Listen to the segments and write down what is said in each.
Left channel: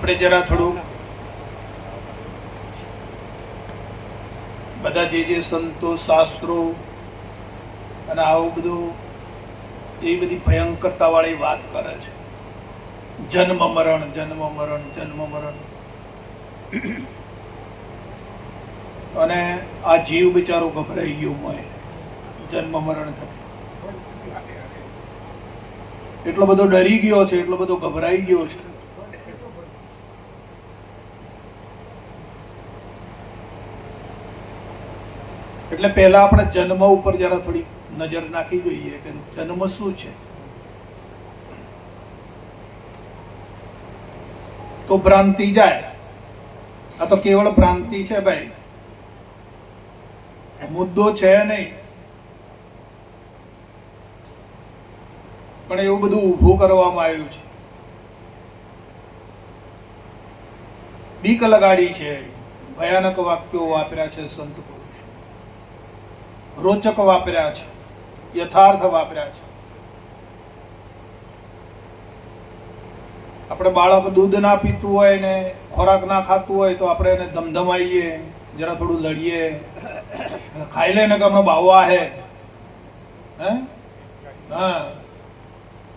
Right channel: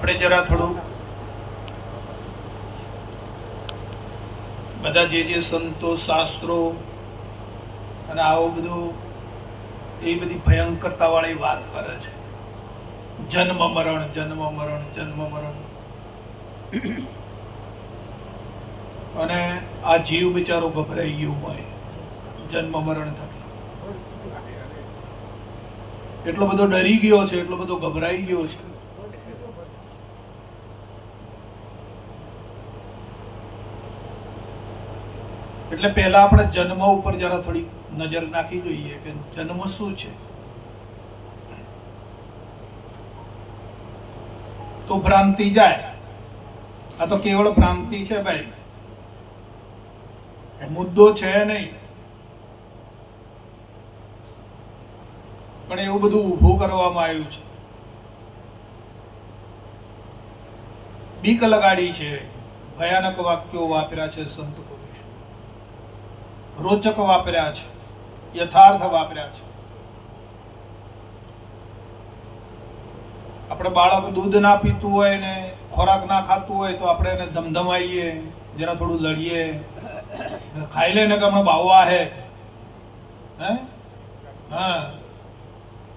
આપણે જરા થોડું બધા જે જે સંતો, શાસ્ત્રો અને આવું બધું એ બધી ભયંકરતા વાળી વાત કરે છે. જન્મ મરણ જન્મ મરણ જન્મ મરણ. અને આ જીવ બિચારો ગભરાઈ ગયો હોય, જન્મ મરણ થકી. એટલો બધો ડરી ગયો છે, એટલો બધો ગભરાઈ ગયો છે. એટલે પહેલા આપણે જન્મ ઉપર જરા થોડી નજર નાખી જોઈએ કે જન્મ શું છે. તો ભ્રાંતિ જાય. આ તો કેવળ ભ્રાંતિ છે ભાઈ. મુદ્દો છે નહીં. પણ એવું બધું ઊભું કરવામાં આવ્યું છે. બીક લગાડી છે. ભયાનક વાક્યો વાપર્યા છે સંત. રોચક વાપર્યા છે, યથાર્થ વાપર્યા છે. આપણે બાળક દૂધ ના પીતું હોય ને ખોરાક ના ખાતું હોય તો આપણે એને ધમધમાઈએ, જરા થોડું લડીએ. ખાઈ લે ને કે હમણાં બાવવા હે? હે.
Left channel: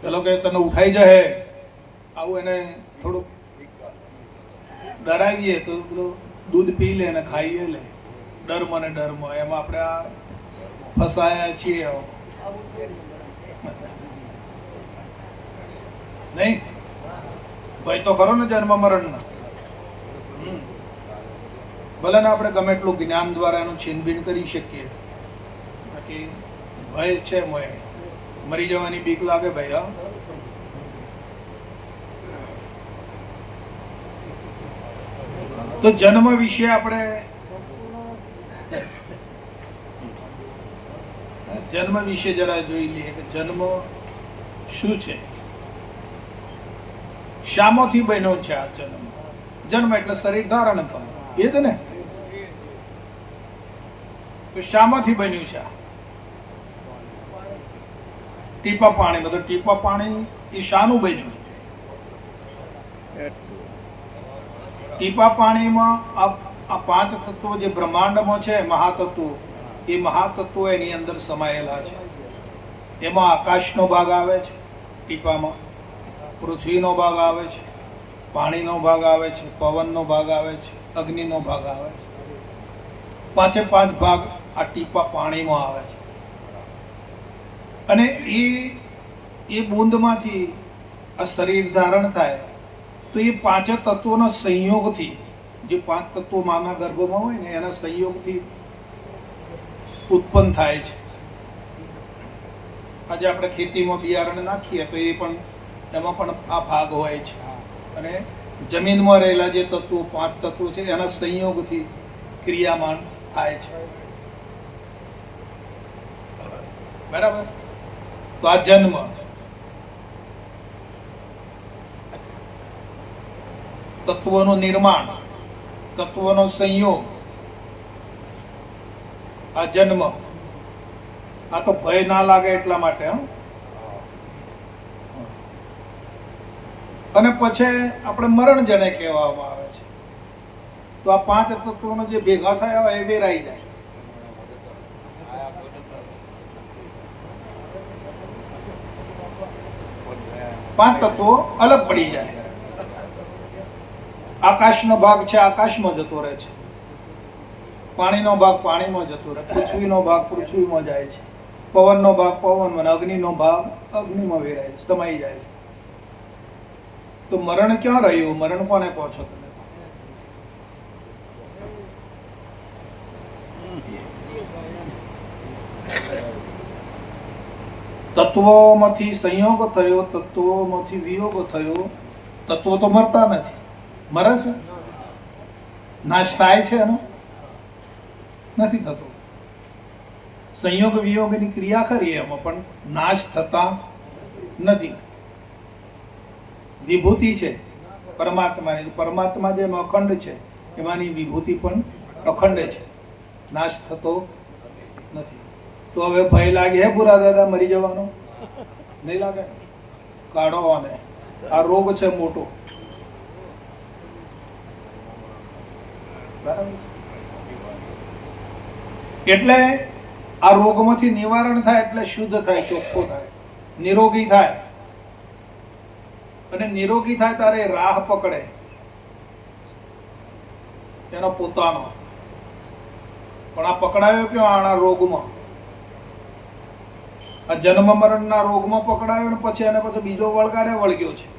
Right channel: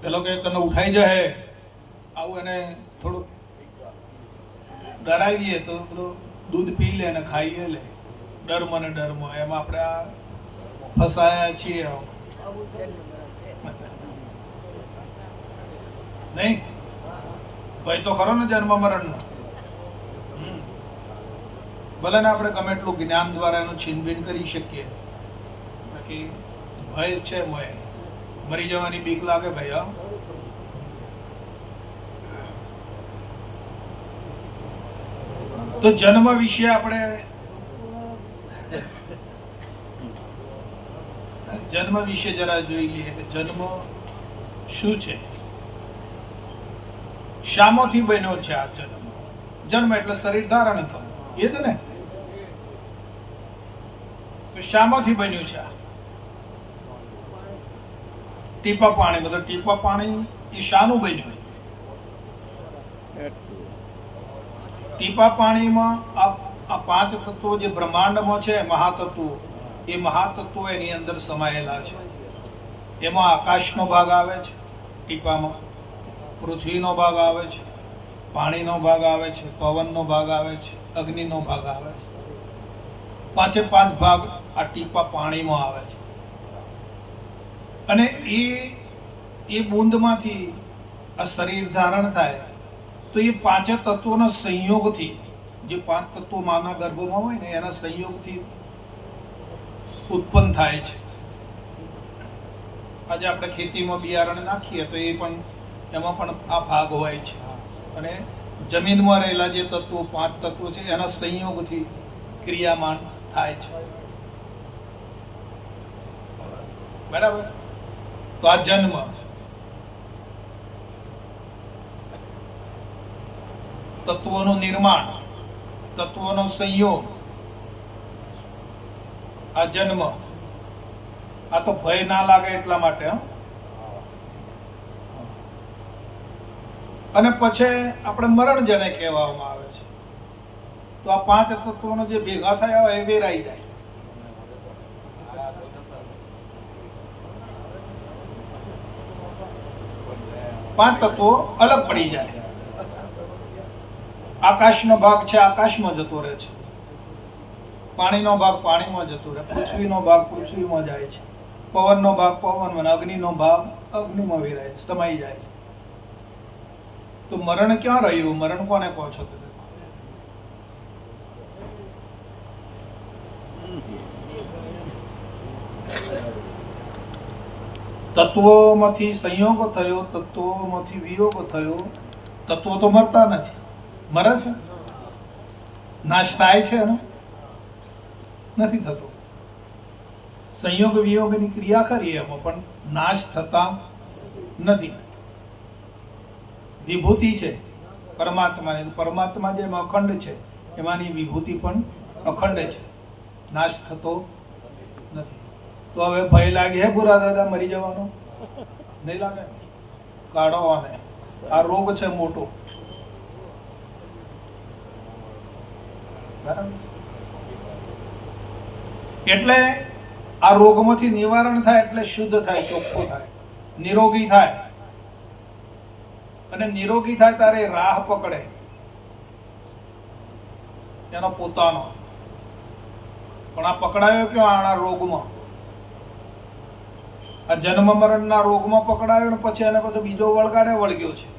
પેલો કે તને ઉઠાઈ જશે આવું એને થોડું ડરાવીએ તો પેલો દૂધ પી લે ને ખાઈએ લે. ડરમ ને ડરમ એમાં આપણે આ ફસાયા છીએ. નહીં? ભય તો ખરો ને જન્મ મરણનો. હમ. ભલે ને આપણે ગમે એટલું જ્ઞાન દ્વારા એનું છીનભીન કરી શકીએ. બાકી ભય છે મોય મરી જવાની બીક લાગે ભાઈ હા. તો જન્મ વિશે આપણે જન્મ વિશે જરા જોઈ લઈએ કે જન્મ શું છે? શામાંથી બન્યો છે આ જન્મ? જન્મ એટલે શરીર ધારણ થવું. એ જ ને? તો શામાંથી બન્યું છે ટીપા પાણી મતલબ ટીપા પાણી એ શાનું બન્યું? ટીપા પાણીમાં આ પાંચ તત્વો જે બ્રહ્માંડમાં છે, મહાતત્વો એ મહાતત્વો એની અંદર સમાયેલા છે. એમાં આકાશનો ભાગ આવે છે ટીપામાં પૃથ્વીનો ભાગ આવે છે, પાણીનો ભાગ આવે છે, પવનનો ભાગ આવે છે, અગ્નિનો ભાગ આવે છે. પાંચે પાંચ ભાગ આ ટીપા પાણીમાં આવે છે. અને એ એ બૂંદમાંથી આ શરીર ધારણ થાય, તો એ પાંચે તત્વોના સંયોગથી, જે પાંચ તત્વો માના ગર્ભમાં હોય ને, એના સંયોગથી ઉત્પન્ન થાય છે. આજે આપણે ખેતીમાં બિયારણ નાખીએ તો એ પણ, એમાં પણ આ ભાગ હોય છે. અને જમીનમાં રહેલા જે તત્વો, પાંચ તત્વો છે, એના સંયોગથી ક્રિયામાન થાય છે. બરાબર? તો આ જન્મ. તત્વોનું નિર્માણ, તત્વોનો સંયોગ આ જન્મ. આ તો ભય ના લાગે એટલા માટે અને પછી આપણે મરણ જેને કહેવામાં આવે છે. તો આ પાંચ તત્વોનો જે ભેગા થાય એ વેરાઈ જાય. પાંચ તત્વો અલગ પડી જાય. આકાશનો ભાગ છે, આકાશમાં જતો રહે છે. પાણીનો ભાગ પાણીમાં જતો રહે પૃથ્વીનો ભાગ પૃથ્વીમાં જાય છે. પવનનો ભાગ પવનમાં અગ્નિનો ભાગ અગ્નિમાં વેરાય સમાઈ જાય છે. તો મરણ ક્યાં રહ્યું? મરણ કોને કહો છો તમે? તત્વોમાંથી સંયોગ થયો, તત્વોમાંથી વિયોગ થયો. તત્વો તો મરતા નથી. મરે છે? નાશ થાય છે એનો? નથી થતો. સંયોગ વિયોગની ક્રિયા કરીએ એમાં પણ નાશ થતા નથી. વિભૂતિ છે. પરમાત્માની, પરમાત્મા જેમ અખંડ છે, એમાંની વિભૂતિ પણ અખંડ છે. નાશ થતો નથી. તો હવે ભય લાગે, હે બુરા દાદા, મરી જવાનો? નહીં લાગે? કાઢો આને. આ રોગ છે મોટો. બરાબર એટલે આ રોગમાંથી નિવારણ થાય એટલે શુદ્ધ થાય, ચોખ્ખો થાય, નિરોગી થાય. અને નિરોગી થાય ત્યારે રાહ પકડે. એનો પોતાનો. પણ આ પકડાયો કે આના રોગમાં. આ જન્મ મરણના રોગમાં પકડાયો ને પછી એને પછી બીજો વળગાડે વળગ્યો છે.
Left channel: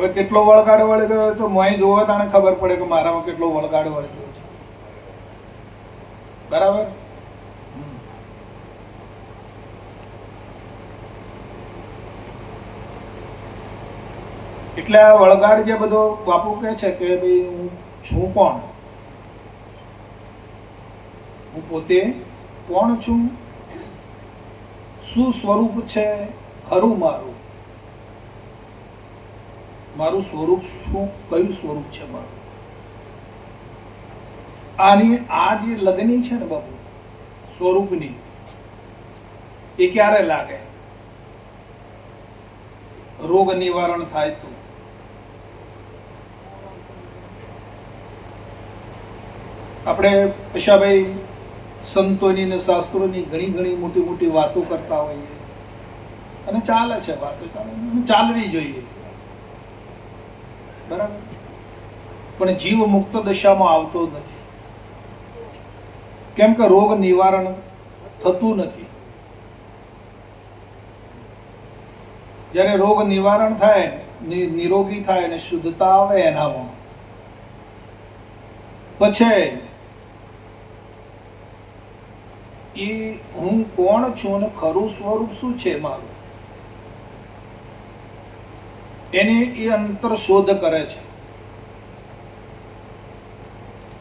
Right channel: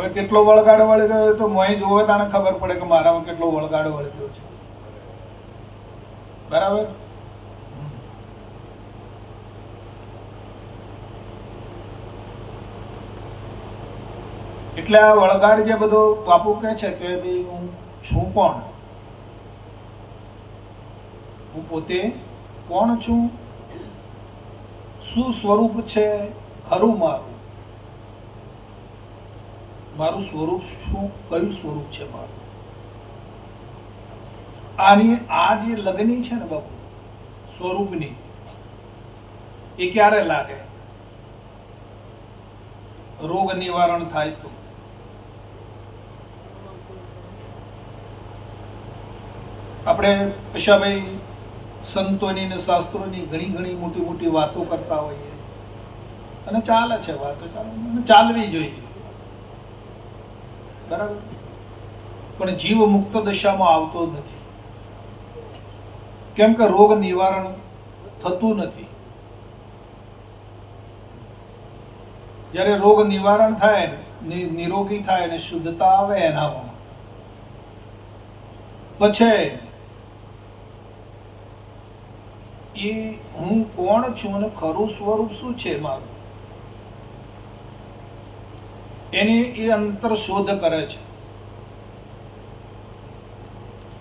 હવે કેટલો વળગાડો વળી રહ્યો તો મોય જોવે તને ખબર પડે કે મારામાં કેટલો વળગાડો વળી રહ્યો છે. બરાબર? એટલે આ વળગાડ જે બધો બાપુ કહે છે કે ભાઈ હું છું કોણ? હું પોતે કોણ છું? શું સ્વરૂપ છે ખરું મારું? મારું સ્વરૂપ શું, કયું સ્વરૂપ છે મારું? આની, આ જે લગ્ની છે ને બાપુ, સ્વરૂપની, એ ક્યારે લાગે? રોગ નિવારણ થાય તો? આપણે પશાભાઈ સંતોની ને શાસ્ત્રોની ઘણી ઘણી મોટી મોટી વાતો કરતા હોઈએ. અને ચાલે છે વાતો, ચાલે ચાલવી જોઈએ. બરાબર? પણ જીવ મુક્ત દશામાં આવતો નથી. કેમ કે રોગ નિવારણ થતું નથી. જ્યારે રોગ નિવારણ થાય ને નિરોગી થાય ને, શુદ્ધતા આવે એનામાં. પછી એ હું કોણ છું ને ખરું સ્વરૂપ શું છે મારું? એની એ અંતર શોધ કરે છે.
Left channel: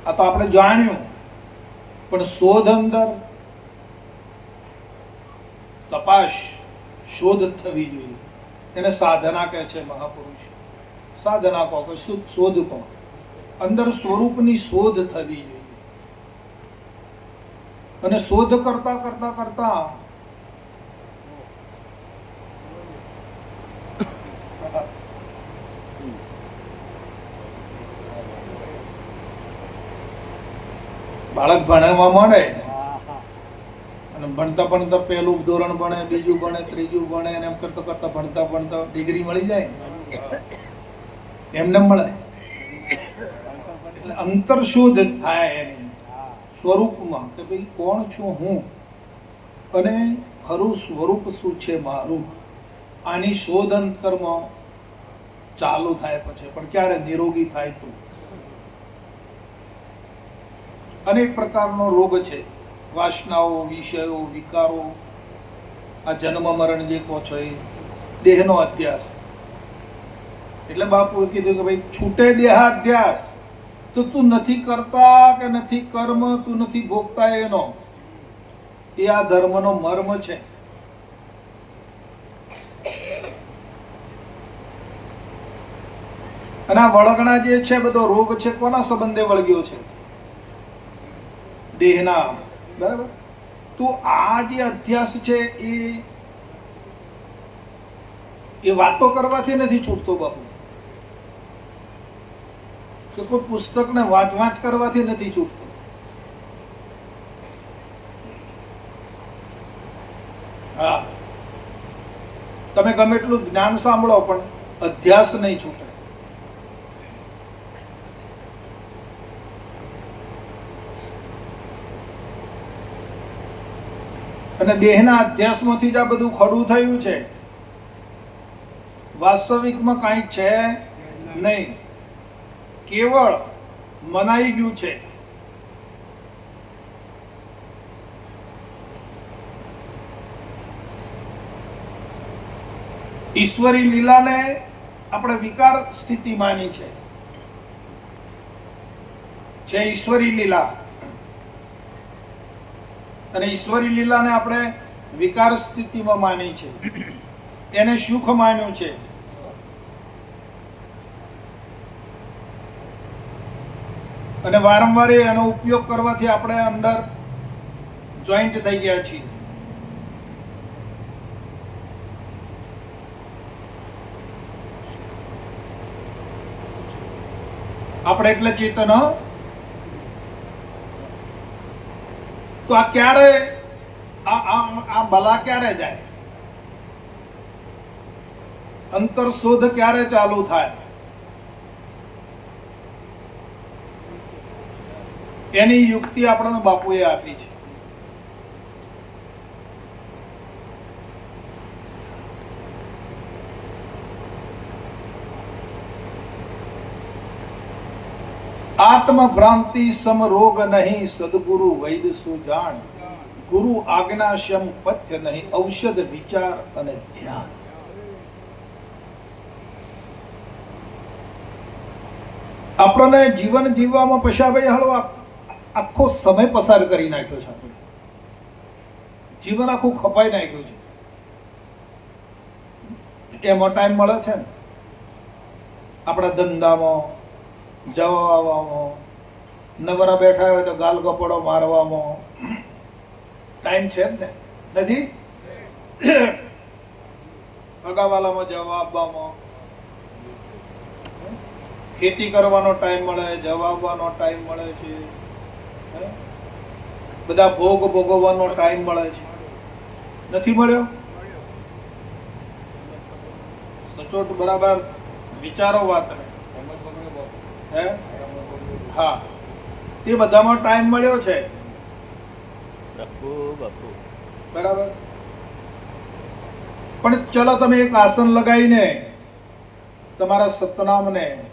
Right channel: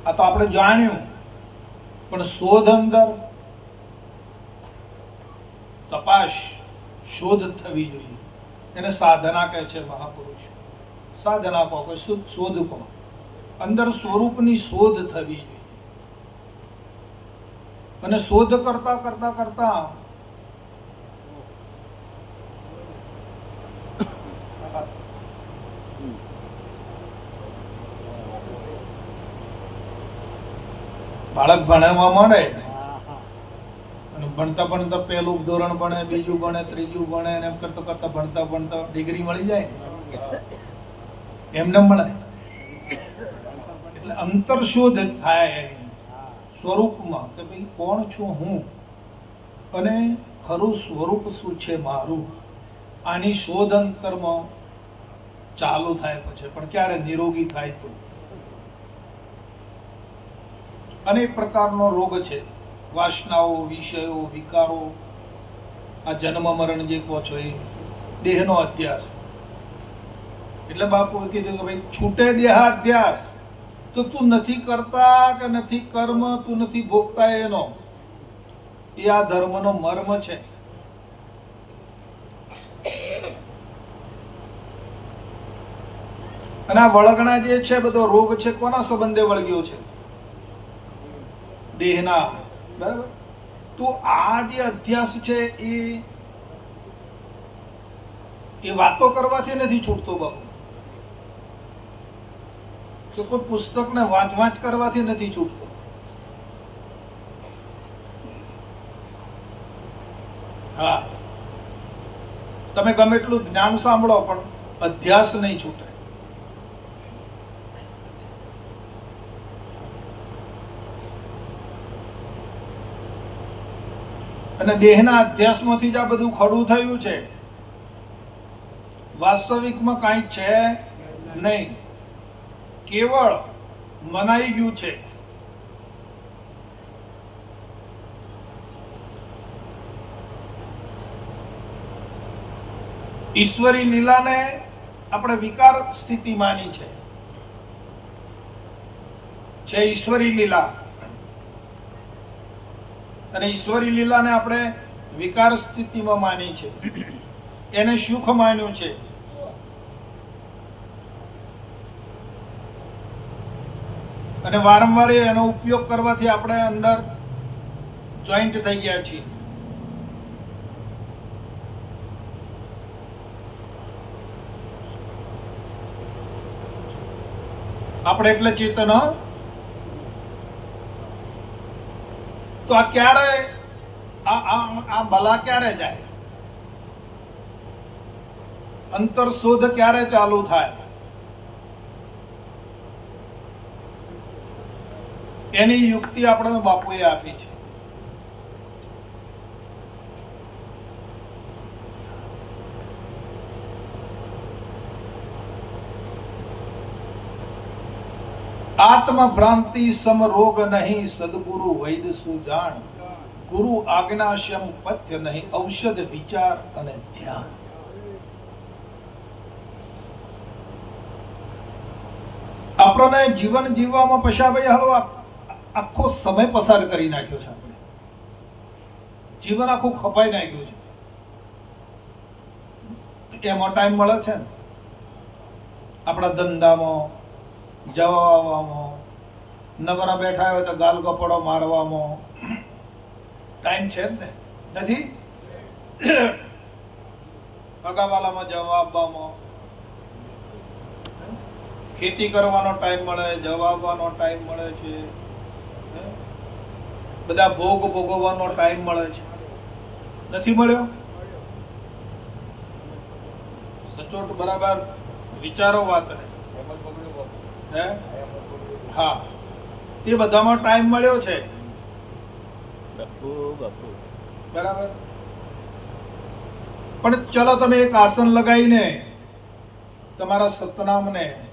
આ તો આપણે જાણ્યું. પણ શોધ અંતર તપાસ, શોધ થવી જોઈએ. એને સાધના કહે છે મહાપુરુષ. સાધના કહો કે શોધ કહો. અંદર સ્વરૂપની શોધ થવી જોઈએ. અને શોધ કરતા કરતા કરતા બાળક ભણવા માંડે અને ભણતા ભણતા પહેલું ધોરણ ભણે, બીજું ભણે, ત્રીજું ભણે એમ કરતા કરતા ભણતા ભણતા ડિગ્રી મળી જાય એમને મળે. એટલે અંતરશોધ થાય એની. સ્વરૂપમાં કે ભાઈ કોણ છું હું? અને ખરું સ્વરૂપ શું છે મારું? આની શોધ અંતરમાં ચાલુ થાય પછી. પણ ક્યારે નિરોગી થાય તો? અનેક પ્રકારનો રોગ છે. વાસનાઓ, વિષયો, વિકારો, આ જન્મ, મરણ જે કહો છો એ, દેહનો અધ્યાસ એટલે બાપુએ કીધું કે ભાઈ, છૂટે દેહાધ્યાસ તો તું નથી કરતા કે નથી કર્મ, તું નથી ભોગતા એનો. એ આ ધર્મનો મર્મ છે. અને આ વળગણા જે છે, બધો રોગ છે, કોના સંબંધે વળગ્યો છે? દેહના બરાબર? તો આ જે અધ્યાસ છે એ એ વાતો કરવાથી નથી છૂટતો બાપુ. કે કોઈ પુસ્તકને વાંચ વાંચ કરવાથી નથી છૂટતો. હા. તમે ગમે એટલું જ્ઞાન સાંભળો, પણ અધ્યાસ નહીં છૂટે. અને દેહના અધ્યાસમાંથી જ આ બધું ખડું થયું છે. વાસ્તવિકમાં કાંઈ છે નહીં. કેવળ મનાઈ ગયું છે. ઈશ્વરી લીલાને આપણે વિકાર સ્થિતિ માની છે. છે ઈશ્વરી લીલા અને ઈશ્વરી લીલાને આપણે વિકાર સ્થિતિમાં માની છે. એને સુખ માન્યું છે. અને વારંવાર એનો ઉપયોગ કરવાથી આપણે અંદર જોઈન્ટ થઈ ગયા છીએ. આપણે એટલે ચેતન હ? તો આ ક્યારે આ ભલા ક્યારે જાય? અંતર શોધ ક્યારે ચાલુ થાય? એની યુક્તિ આપણને બાપુએ આપી છે. આત્મ સમરોગ નહીં, સદગુરુ વૈદ સુજાણ ગુરુ આજ્ઞા પથ્ય નહીં, ઔષધ વિચાર અને ધ્યાન. આપણને જીવન જીવવામાં પશાભાઈ આ- આખો સમય પસાર કરી નાખ્યો છે આપણે. જીવન આખું ખપાઈ નાખ્યું છે. એમાં ટાઈમ મળે છે ને? આપણા ધંધામાં જવા આવવામાં બેઠા હોય તો ગાલ ગપડો મારવામાં. ટાઈમ છે જ ને? નથી? અગાવાલામાં જવા આપવામાં ખેતી કરવાનો ટાઈમ મળે, જવાબવાનો ટાઈમ મળે છે? બધા ભોગ ભોગવવાનો ટાઈમ મળે છે. નથી મળ્યો? સચોટ બરાબર વિચારો વાત. હે? હા. એ બધામાં ટાઈમ મળ્યો છે. બાપુ બાપુ. બરાબર. પણ ચલો તમે એક આસન લગાવીને તમારા સતનામને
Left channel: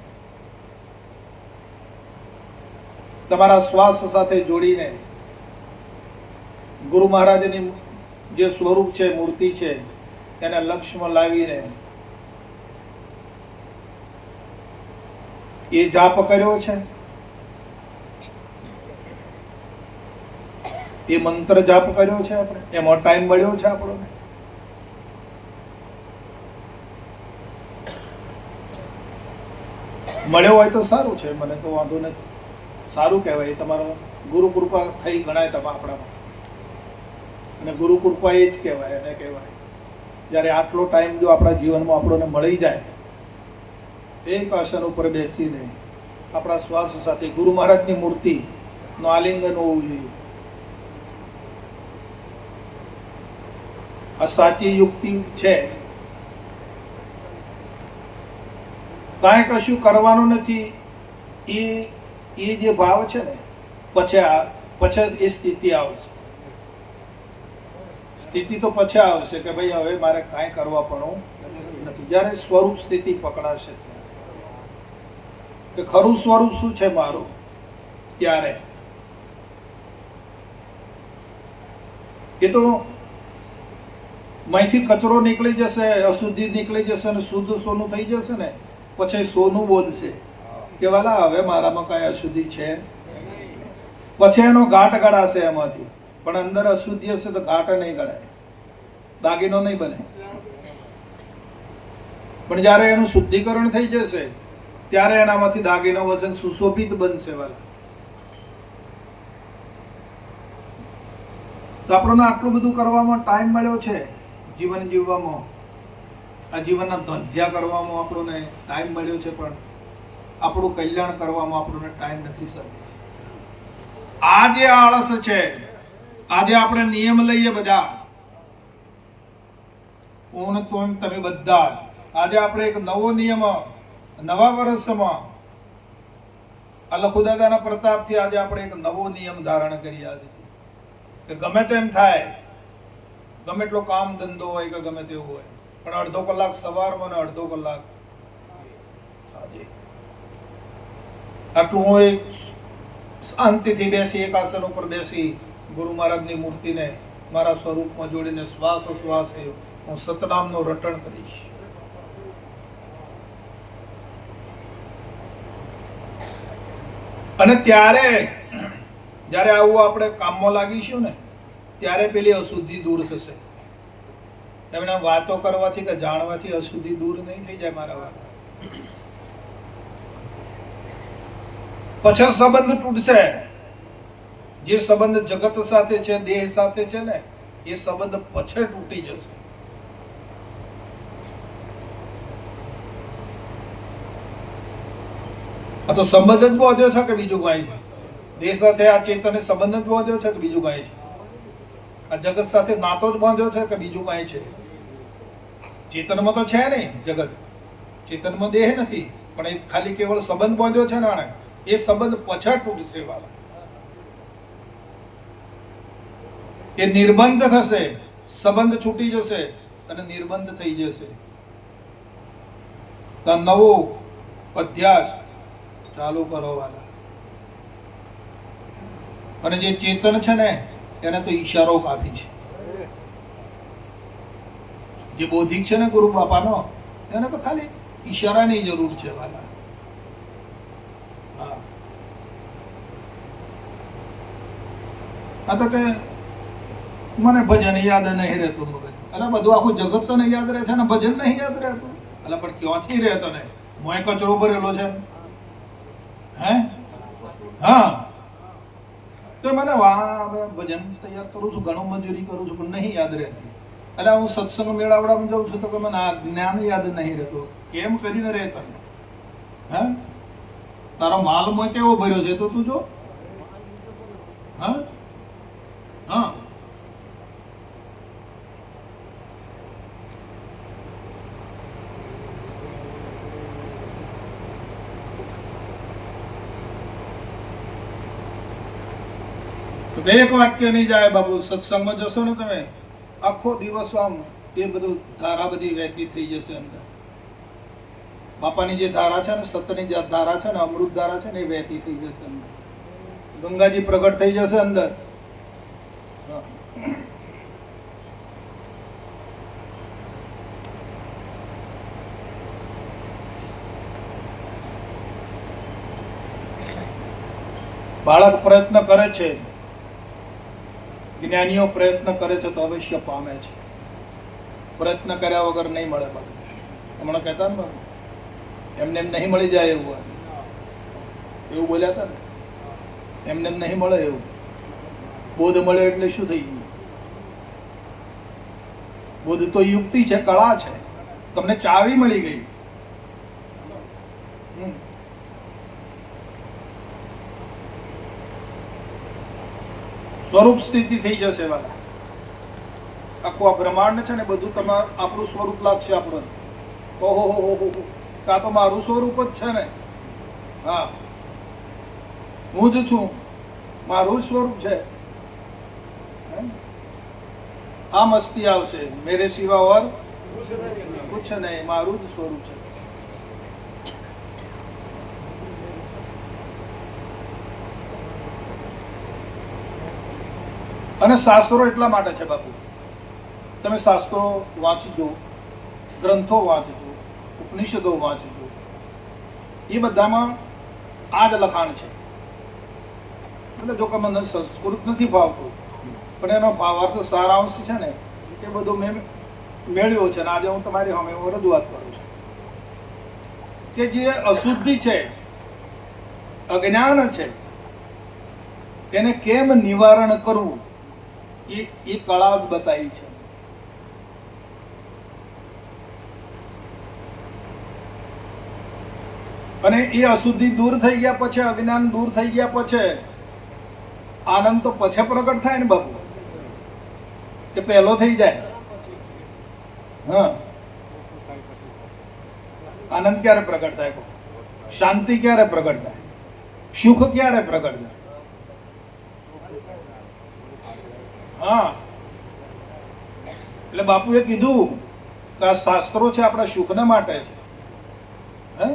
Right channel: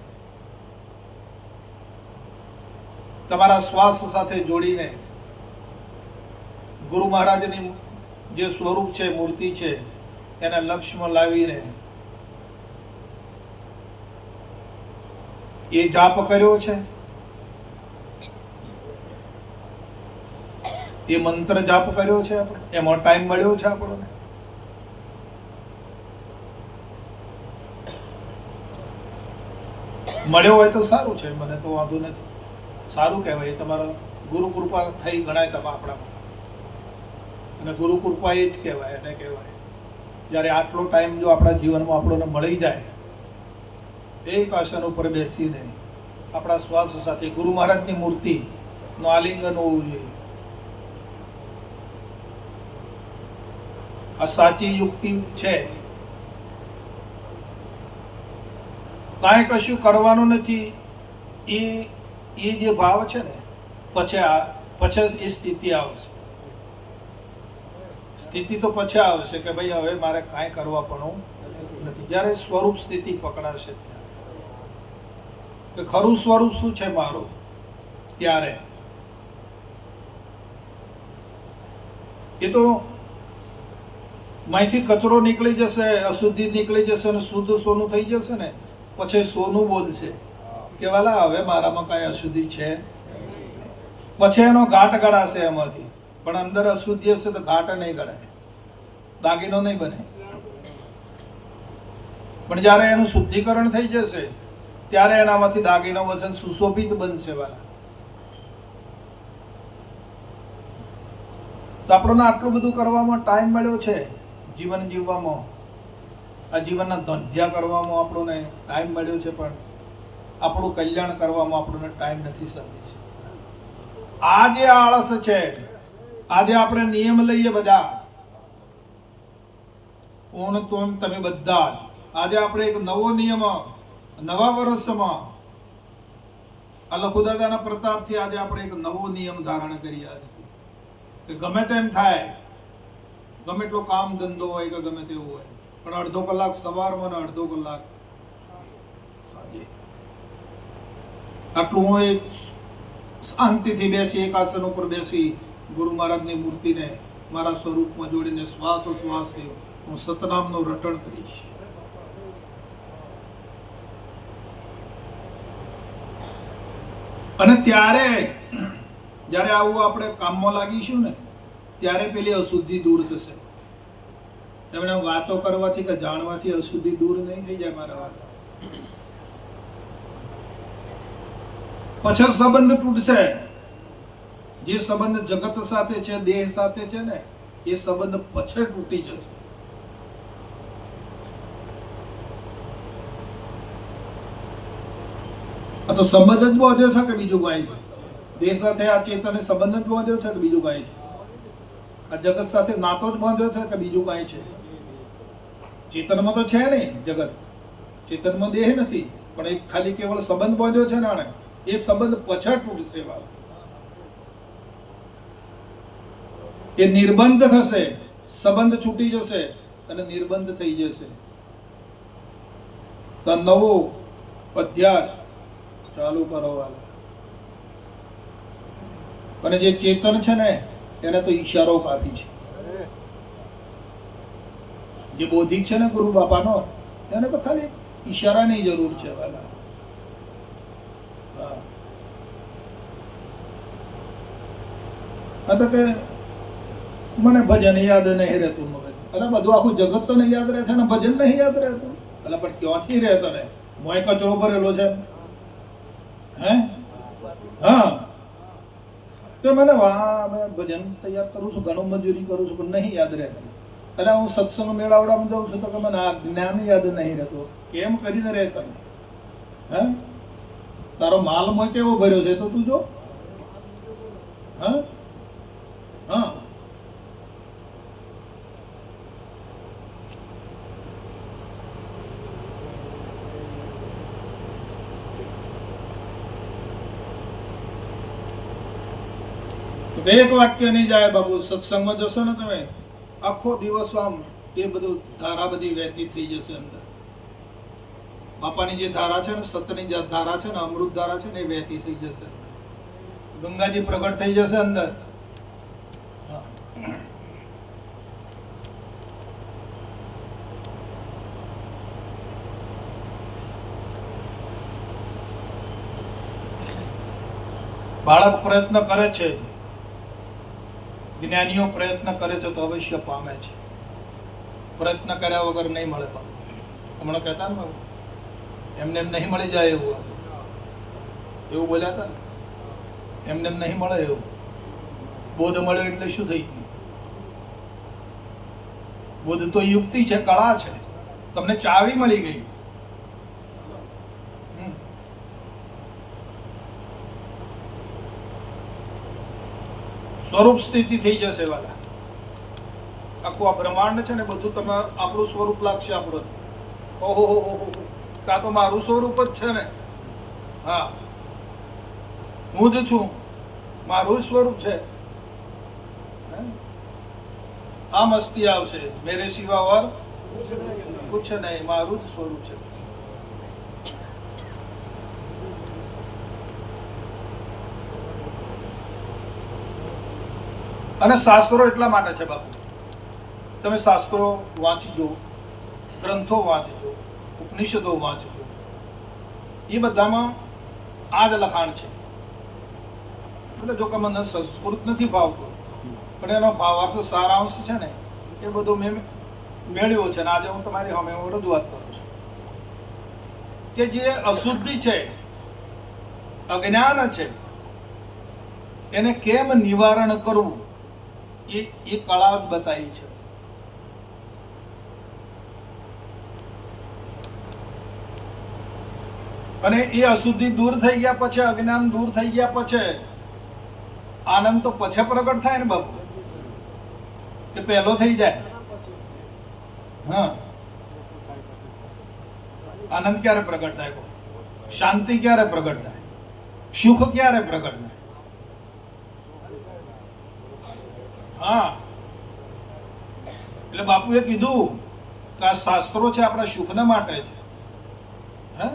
તમારા શ્વાસ સાથે જોડીને ગુરુ મહારાજની જે સ્વરૂપ છે મૂર્તિ છે એને લક્ષ્યમાં લાવીને એ જાપ કર્યો છે? એ મંત્ર જાપ કર્યો છે આપણે? એમાં ટાઈમ મળ્યો છે આપણો? મળ્યો હોય તો સારું છે, મને તો વાંધો નથી. સારું કહેવાય તમારો ગુરુ કૃપા થઈ ગણાય તમારા આપણામાં. અને ગુરુ કૃપા એ જ કહેવાય, એને કહેવાય. જ્યારે આટલો ટાઈમ જો આપણા જીવનમાં આપણને મળી જાય એક આસન ઉપર બેસી આપણા શ્વાસ સાથે ગુરુ મહારાજની મૂર્તિ નું આલિંગન હોવું જોઈએ. આ સાચી યુક્તિ છે. કાંઈ કશું કરવાનું નથી. એ એ જે ભાવ છે ને, પછી આ, પછી એ સ્થિતિ આવશે. સ્થિતિ તો પછી આવશે કે ભાઈ હવે મારે કાંઈ કરવા પણ નથી. જ્યારે સ્વરૂપ સ્થિતિ પકડાશે કે ખરું સ્વરૂપ શું છે મારું? ત્યારે. એ તો માંથી કચરો નીકળી જશે, અશુદ્ધિ નીકળી જશે અને શુદ્ધ સોનું થઈ જશે ને, પછી સોનું બોલશે. કે વાલા, હવે મારામાં કઈ અશુદ્ધિ છે? પછી એનો ઘાટ ગળાશે એમાંથી. પણ અંદર અશુદ્ધિ હશે તો ઘાટ નહીં ગળાય દાગીનો નહીં બને. પણ જ્યારે એનું શુદ્ધિકરણ થઈ જશે ત્યારે એનામાંથી દાગીનો વજન સુશોભિત બનશે, વાલા. તો આપણને આટલું બધું કરવામાં ટાઈમ મળ્યો છે જીવન જીવવામાં? આ જીવનના ધંધ્યા કરવામાં આપણને ટાઈમ મળ્યો છે, પણ આપણું કલ્યાણ કરવામાં આપણને ટાઈમ નથી સાધી છે. આ જે આળસ છે. આજે આપણે નિયમ લઈએ બધા. ઊણ તો તમે બધા આજે આપણે એક નવો નિયમ નવા વર્ષમાં આ લખુદાદાના પ્રતાપથી આજે આપણે એક નવો નિયમ ધારણ કરી આજે. કે ગમે તેમ થાય, ગમે એટલો કામ ધંધો હોય કે ગમે તેવું હોય, પણ અડધો કલાક સવારમાં ને અડધો કલાક સાંજે. આટલું હું એક શાંતિથી બેસી, એક આસન ઉપર બેસી ગુરુ મહારાજની મૂર્તિને મારા સ્વરૂપમાં જોડીને શ્વાસો શ્વાસોશ્વાસ હું સતનામનું રટણ કરીશ. અને ત્યારે, જ્યારે આવું આપણે કામમાં લાગીશું ને, ત્યારે પેલી અશુદ્ધિ દૂર થશે. એમણે વાતો કરવાથી કે જાણવાથી અશુદ્ધિ દૂર નહીં થઈ જાય મારા વાત. પછી સંબંધ તૂટશે. જે સંબંધ જગત સાથે છે, દેહ સાથે છે ને, એ સંબંધ પછી તૂટી જશે. આ તો સંબંધ જ બાંધ્યો છે કે બીજું કાંઈ છે? દેહ સાથે આ ચેતને સંબંધ જ બાંધ્યો છે કે બીજું કાંઈ છે? આ જગત સાથે નાતો જ બાંધ્યો છે કે બીજું કાંઈ છે? ચેતનમાં તો છે નહીં જગત. ચેતનમાં દેહ નથી, પણ એક ખાલી કેવળ સંબંધ બાંધ્યો છે ને આણે એ સંબંધ પછા તૂટશે બાબા એ નિર્બંધ થશે, સંબંધ છૂટી જશે અને નિર્બંધ થઈ જશે. તો નવો અધ્યાસ ચાલુ કરો અને જે ચેતન છે ને, એને તો ઈશારો કાપી છે. જે બૌદ્ધિક છે ને ગુરુ બાપાનો, એને તો ખાલી ઈશારાની જરૂર છે વાલા. હા. તો કે મને ભજન યાદ નહીં રહેતું મગજ એટલે બધું આખું જગત તો નહીં યાદ રહે છે ને, ભજન નહીં યાદ રહેતું? એટલે પણ ક્યાંથી રહે તને મોય કચરો ભરેલો છે. હે? હા. તો મને વા ભજન તૈયાર કરું છું, ઘણું મજૂરી કરું છું, પણ નહીં યાદ રહેતી. એટલે હું સત્સંગ મેળાવડામાં જાઉં છું તો કે મને આ જ્ઞાન યાદ નહીં રહેતો. કેમ કરીને રહે તને હે? તારો માલ કેવો ભર્યો છે તો તું જો. હા તો એક વાક્ય નહીં જાય બાબુ સત્સંગમાં જશો ને તમે, આખો દિવસ આમ એ બધું ધારા બધી વહેતી થઈ જશે અંદર. બાપાની જે ધારા છે ને, સતની જે ધારા છે ને, અમૃત ધારા છે ને, એ વહેતી થઈ જશે અંદર. ગંગાજી પ્રગટ થઈ જશે અંદર. બાળક પ્રયત્ન કરે છે. જ્ઞાનીઓ પ્રયત્ન કરે છે તો અવશ્ય પામે છે. પ્રયત્ન કર્યા વગર નહીં મળે બાબુ હમણાં કહેતા ને બાબુ એમને એમ નહીં મળી જાય એવું એવું બોલ્યા હતા ને? એમને એમ નહીં મળે એવું. બોધ મળ્યો એટલે શું થઈ ગયું? બોધ તો યુક્તિ છે, કળા છે. તમને ચાવી મળી ગઈ. હમ. સ્વરૂપ સ્થિતિ થઈ જશે વાલા આખું આ બ્રહ્માંડ છે ને બધું તમારું આપણું સ્વરૂપ લાગશે આપણું. ઓહો, હો હો આ તો મારું સ્વરૂપ જ છે ને. હા. હું જ છું. મારું સ્વરૂપ છે? આ મસ્તી આવશે. મેરે સિવા વાર કુછ નહીં. મારું જ સ્વરૂપ છે. અને શાસ્ત્રો એટલા માટે છે બાપુ. તમે શાસ્ત્રો વાંચજો, ગ્રંથો વાંચજો, ઉપનિષદો વાંચજો. એ બધામાં આ જ લખાણ છે. એટલે જો કે મને સંસ્કૃત નથી ભાવતું, પણ એનો ભાવાર્થ સારાંશ છે ને, એ બધું મેં મેળવ્યો છે અને આજે હું તમારી સામે હું રજૂઆત કરું છું. કે જે અશુદ્ધિ છે, અજ્ઞાન છે, એને કેમ નિવારણ કરવું? એ એ કળા બતાવી છે. અને એ અશુદ્ધિ દૂર થઈ ગયા પછી, અજ્ઞાન દૂર થઈ ગયા પછી, આનંદ તો પછી પ્રગટ થાય ને બાપુ? કે પહેલો થઈ જાય? હા. આનંદ ક્યારે પ્રગટ થાય શાંતિ ક્યારે પ્રગટ થાય? સુખ ક્યારે પ્રગટ થાય? હા. એટલે બાપુએ કીધું કે આ શાસ્ત્રો છે આપણા સુખના માટે છે. હે?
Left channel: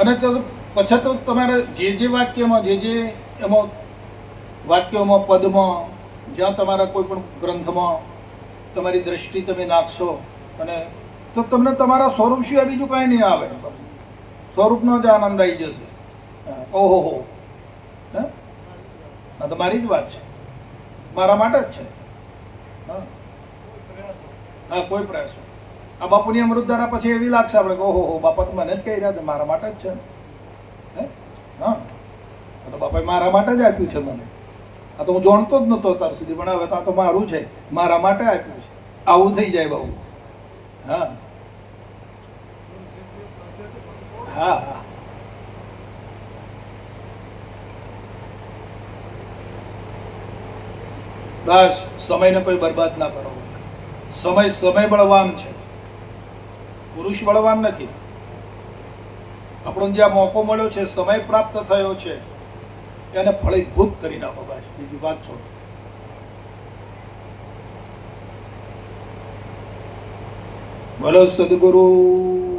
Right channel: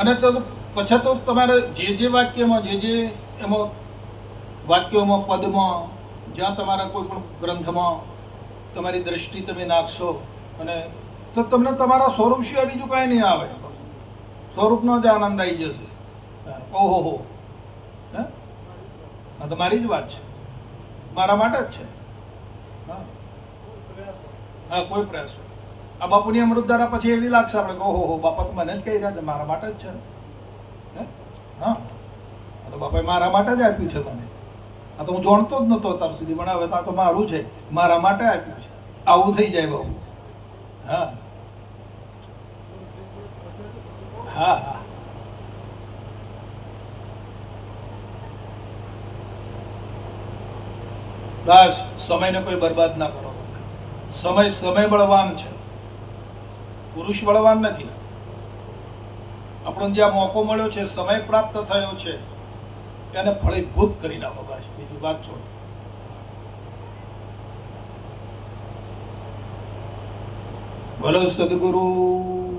અને તો પછી તો તમારે જે જે વાક્યમાં, જે જે એમાં વાક્યોમાં, પદમાં, જ્યાં તમારા કોઈ પણ ગ્રંથમાં તમારી દ્રષ્ટિ તમે નાખશો અને તો તમને તમારા સ્વરૂપ સિવાય બીજું કાંઈ નહીં આવે. સ્વરૂપનો જ આનંદ આવી જશે. ઓહો હે. આ તો મારી જ વાત છે. મારા માટે જ છે. હા. હા, કોઈ પ્રયાસ. આ બાપુની અમૃતધારા પછી એવી લાગશે આપણે કે, ઓહો, હો, બાપા તો મને જ કહી રહ્યા છે, મારા માટે જ છે. હે? હા. તો બાપાએ મારા માટે જ આપ્યું છે મને. આ તો હું જાણતો જ નહોતો અત્યાર સુધી, પણ હવે તો આ તો મારું છે. મારા માટે આપ્યું છે. આવું થઈ જાય બહુ. હા. બસ સમયને કોઈ બરબાદ ના કરો. સમય સમય બળવાન છે. પુરુષ બળવાન નથી. આપણો જ્યાં મોકો મળ્યો છે, સમય પ્રાપ્ત થયો છે એને ફળીભૂત કરી નાખો બસ. બીજી વાત છોડો. ભલો સદગુરુ.